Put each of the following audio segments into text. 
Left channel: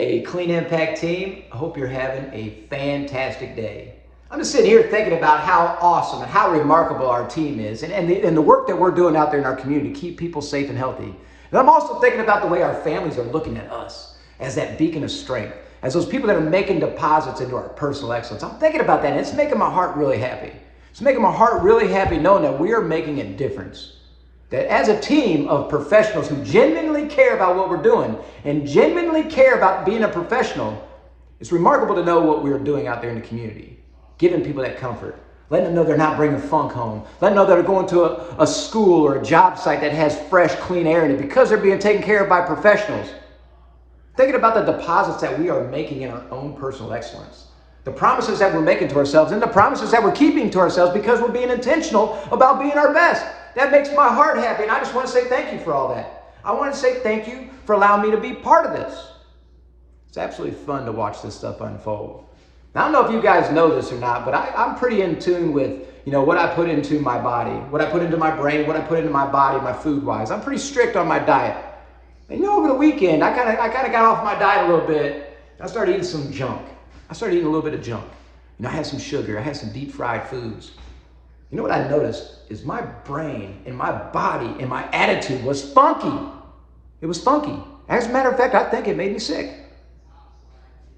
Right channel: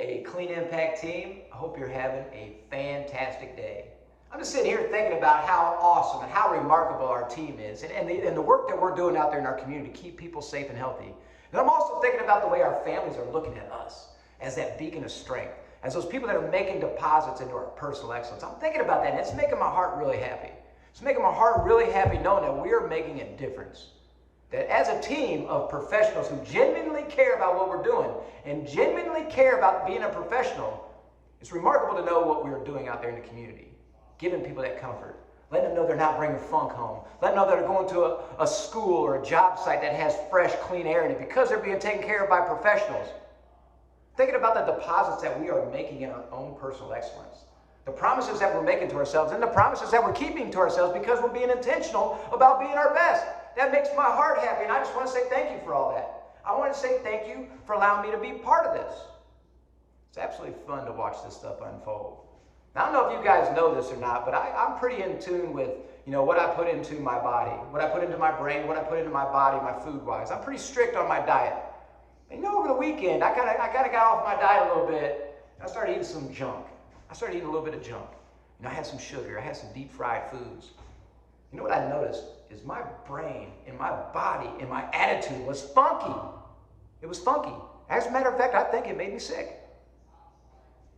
Hey, Clean Impact team, I hope you're having a fantastic day. I'm just sitting here thinking about how awesome and how remarkable our team is and the work that we're doing out there in our community to keep people safe and healthy. And I'm also thinking about the way our families are looking at us as that beacon of strength, as those people that are making deposits into our personal excellence. I'm thinking about that, and it's making my heart really happy. It's making my heart really happy knowing that we are making a difference. That as a team of professionals who genuinely care about what we're doing and genuinely care about being a professional, it's remarkable to know what we're doing out there in the community, giving people that comfort, letting them know they're not bringing funk home, letting them know they're going to a school or a job site that has fresh, clean air in it because they're being taken care of by professionals. Thinking about the deposits that we are making in our own personal excellence, the promises that we're making to ourselves and the promises that we're keeping to ourselves because we're being intentional about being our best. That makes my heart happy, and I just want to say thank you for all that. I want to say thank you for allowing me to be part of this. It's absolutely fun to watch this stuff unfold. Now, I don't know if you guys know this or not, but I'm pretty in tune with, what I put into my body, what I put into my brain, what I put into my body, my food-wise. I'm pretty strict on my diet. And over the weekend, I kind of got off my diet a little bit. I started eating some junk. I started eating a little bit of junk. I had some sugar. I had some deep-fried foods. You know what I noticed is my brain and my body and my attitude was funky. It was funky. As a matter of fact, I think it made me sick.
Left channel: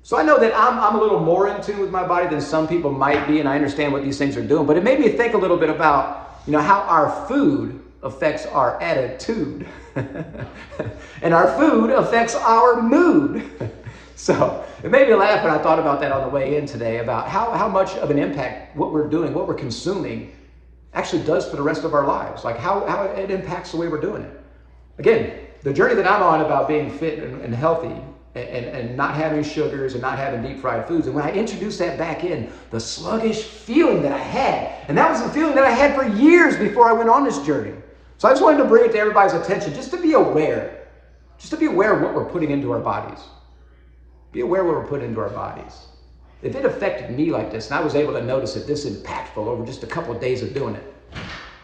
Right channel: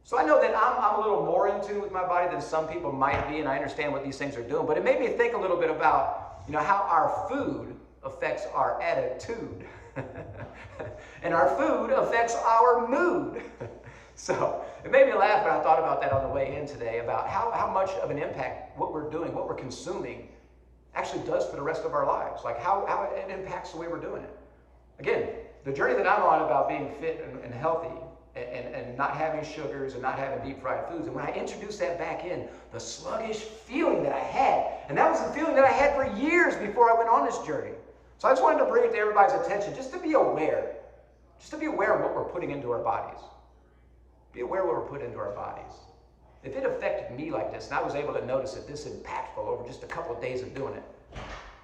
So I know that I'm a little more in tune with my body than some people might be, and I understand what these things are doing, but it made me think a little bit about, how our food affects our attitude. And our food affects our mood. So it made me laugh when I thought about that on the way in today, about how much of an impact what we're doing, what we're consuming, actually does for the rest of our lives, like how it impacts the way we're doing it. Again, the journey that I'm on about being fit and healthy and not having sugars and not having deep fried foods, and when I introduced that back in, the sluggish feeling that I had, and that was the feeling that I had for years before I went on this journey. So I just wanted to bring it to everybody's attention, just to be aware of what we're putting into our bodies. Be aware of what we're putting into our bodies. If it affected me like this, and I was able to notice it this impactful over just a couple of days of doing it,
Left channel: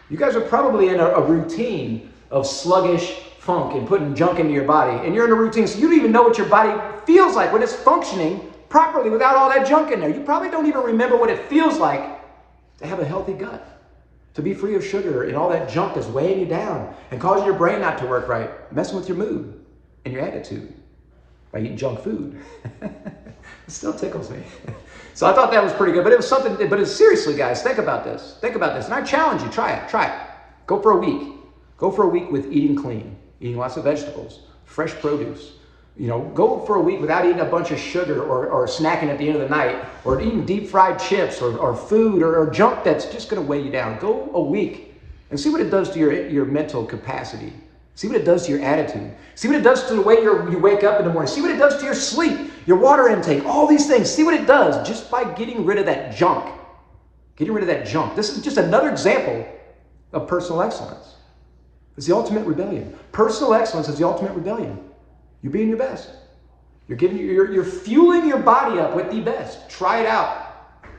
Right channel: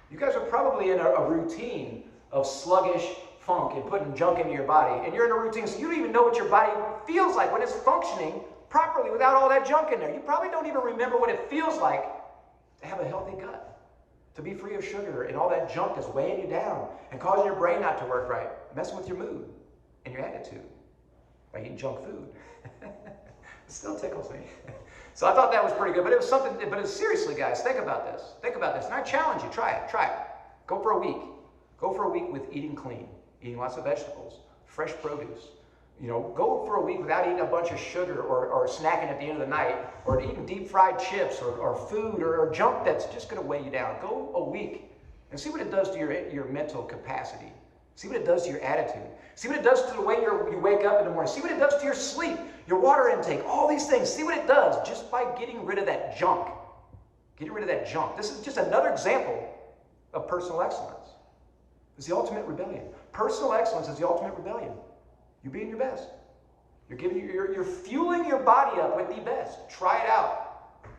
you guys are probably in a routine of sluggish funk and putting junk into your body. And you're in a routine, so you don't even know what your body feels like when it's functioning properly without all that junk in there. You probably don't even remember what it feels like to have a healthy gut, to be free of sugar and all that junk that's weighing you down and causing your brain not to work right, messing with your mood and your attitude by eating junk food. It still tickles me. So I thought that was pretty good, but it was something, but it's seriously, guys, think about this. Think about this. And I challenge you, try it. Go for a week. Go for a week with eating clean, eating lots of vegetables, fresh produce. Go for a week without eating a bunch of sugar or snacking at the end of the night or eating deep fried chips or food or junk that's just gonna weigh you down. Go a week and see what it does to your mental capacity. See what it does to your attitude. See what it does to the way you wake up in the morning. See what it does to your sleep, your water intake, all these things. See what it does just by getting rid of that junk. Getting rid of that junk. This is just another example of personal excellence. It's the ultimate rebellion. Personal excellence is the ultimate rebellion. You're being your best. You're fueling your body up with the best. Try it out.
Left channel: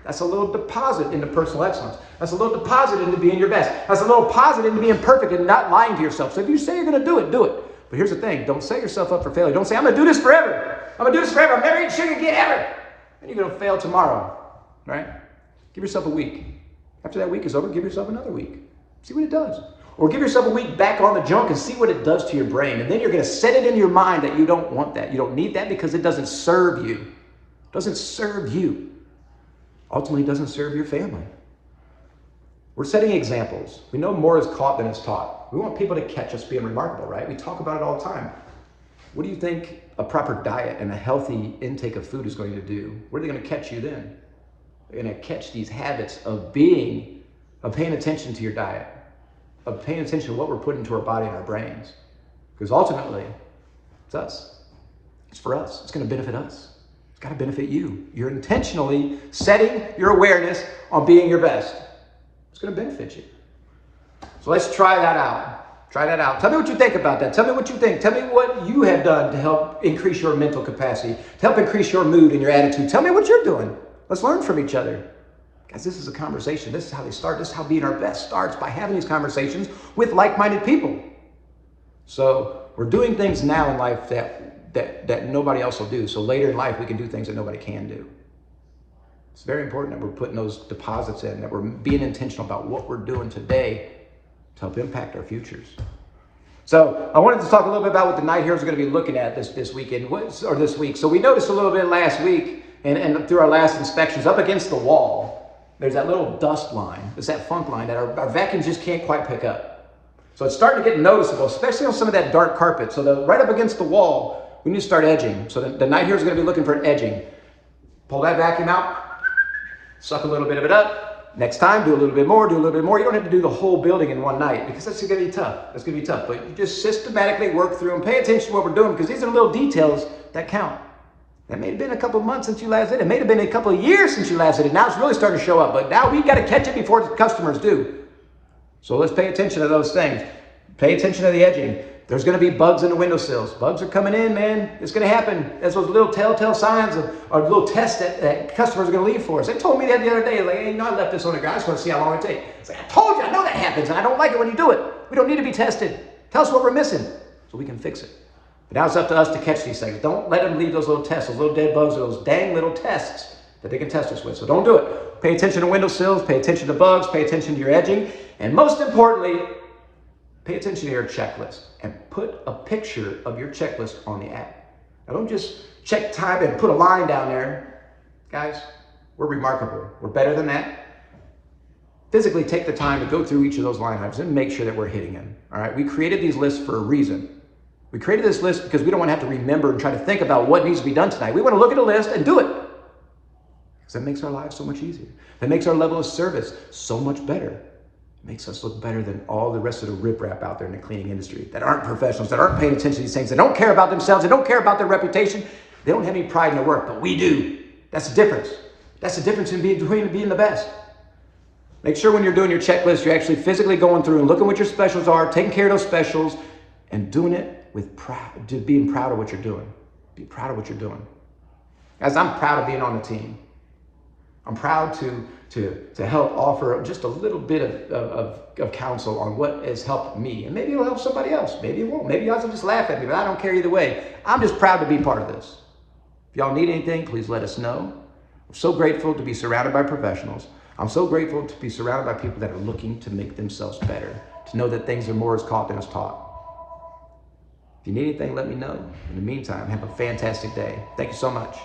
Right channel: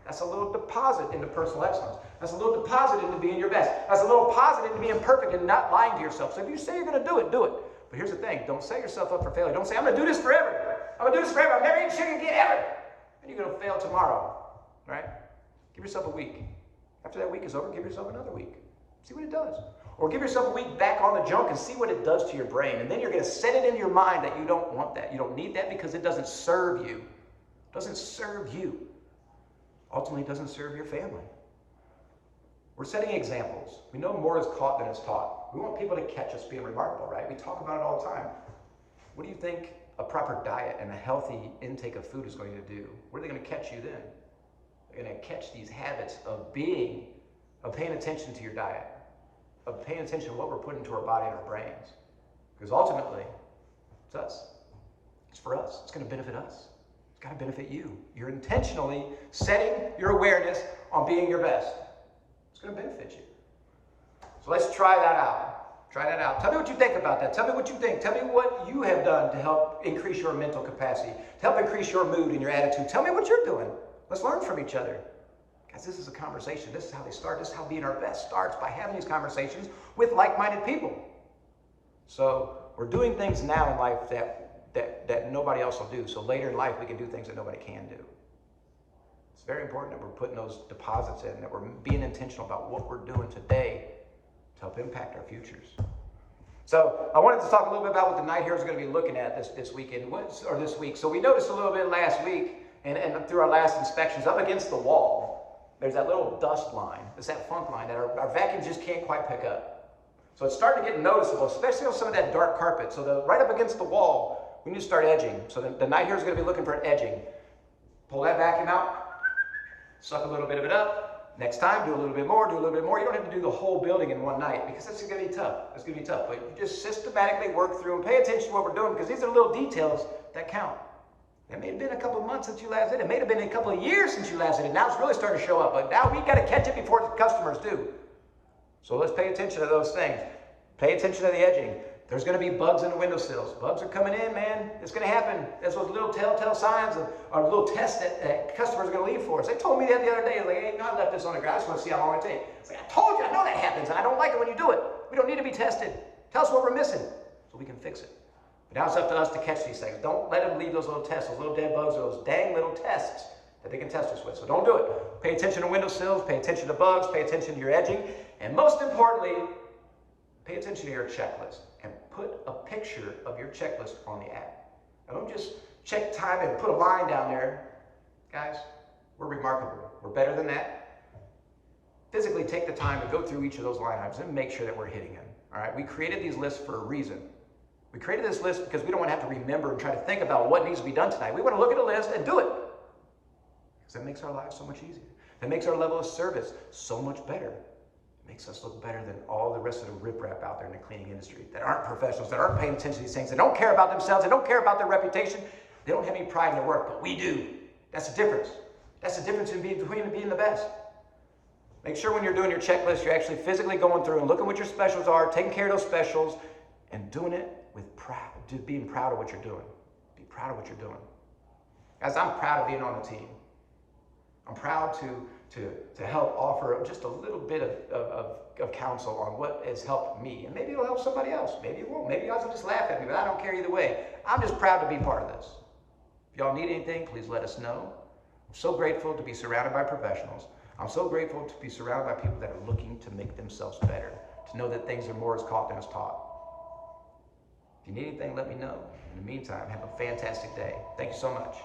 That's a little deposit into personal excellence. That's a little deposit into being your best. That's a little deposit into being perfect and not lying to yourself. So if you say you're going to do it, do it. But here's the thing. Don't set yourself up for failure. Don't say, I'm going to do this forever. I'm going to do this forever. I'm never eating sugar again, ever. And you're going to fail tomorrow, right? Give yourself a week. After that week is over, give yourself another week. See what it does. Or give yourself a week back on the junk and see what it does to your brain. And then you're going to set it in your mind that you don't want that. You don't need that because it doesn't serve you. It doesn't serve you. Ultimately, it doesn't serve your family. We're setting examples. We know more is caught than is taught. We want people to catch us being remarkable, right? We talk about it all the time. What do you think a proper diet and a healthy intake of food is going to do? What are they going to catch you then? They're going to catch these habits of paying attention to your diet, of paying attention to what we're putting into our body and our brains. Because ultimately, it's us. It's for us. It's going to benefit us. It's got to benefit you. You're intentionally setting your awareness on being your best. It's going to benefit you. So let's try that out. Try that out. Tell me what you think about that. Tell me what you think. Tell me what you have done to help increase your mental capacity, to help increase your mood and your attitude. Tell me what you're doing. Let's learn from each other. Guys, this is a conversation. This is how they start. This is how being our best starts, by having these conversations with like-minded people. So we're doing things now in life that that nobody else will do. So later in life, we can do things that nobody can do. It's very important that we're putting those deposits in, that we're being intentional about what we're doing today to help impact our futures. So I wanted to talk a little bit about what the Night Heroes are going to be looking at this weekend, or this week. So we noticed a little bit last week and through our last inspections, up against the wall, there's that little dust line. It's that funk line that our vacuums just can't quite pick up. So it's starting to get noticeable, especially on some of that dark carpet. So right up against the wall, we need to start edging. So the Night Heroes are going to be looking for an edging. Pull that vacuum out, suck a little bit of it up. Next time, do a little bit more, do a little bit more. You don't have to do the whole building in one night because that's going to be tough. That's going to be tough. But you just systematically work through and pay attention to what we're doing because these are little details that count. That may have been a couple of months since you last did it. It may have been a couple of years since you last did it. Now it's really starting to show up. But now we got to catch it before the customers do. So let's pay attention to those things. Pay attention to the edging. There's going to be bugs in the windowsills. Bugs are coming in, man. It's going to happen. That's those little telltale signs or little tests that customers are going to leave for us. They told me that the other day. Like, hey, I left this on the ground. I just want to see how long it takes. It's like, I told you. I know that happens, and I don't like it when you do it. We don't need to be tested. Tell us what we're missing so we can fix it. But now it's up to us to catch these things. Don't let them leave those little tests, those little dead bugs, or those dang little tests that they can test us with. So don't do it. Pay attention to windowsills. Pay attention to bugs. Pay attention to your edging. And most importantly, pay attention to your checklist and put a picture of your checklist on the app. Now don't just check time and put a line down there. Guys, we're remarkable. We're better than that. Physically take the time to go through each of those line items and make sure that we're hitting them. All right, we created these lists for a reason. We created this list because we don't want to have to remember and try to think about what needs to be done tonight. We want to look at a list and do it. Because that makes our lives so much easier. That makes our level of service so much better. Makes us look better than all the rest of the riprap out there in the cleaning industry that aren't professionals, that aren't paying attention to these things, that don't care about themselves, that don't care about their reputation. They don't have any pride in their work, but we do. That's the difference. That's the difference in being the best. Make sure when you're doing your checklist, you're actually physically going through and looking what your specials are, taking care of those specials, and doing it with pride, being proud of what you're doing. Be proud of what you're doing. Guys, I'm proud of being on the team. I'm proud to help offer just a little bit of counsel on what has helped me. And maybe it'll help somebody else. Maybe it won't. Maybe you guys will just laugh at me, but I don't care either way. I'm just proud to be part of this. If y'all need anything, please let us know. I'm so grateful to be surrounded by professionals. I'm so grateful to be surrounded by people that are looking to make themselves better, to know that things are more as caught than as taught. If you need anything, let me know. In the meantime, have a fantastic day. Thank you so much.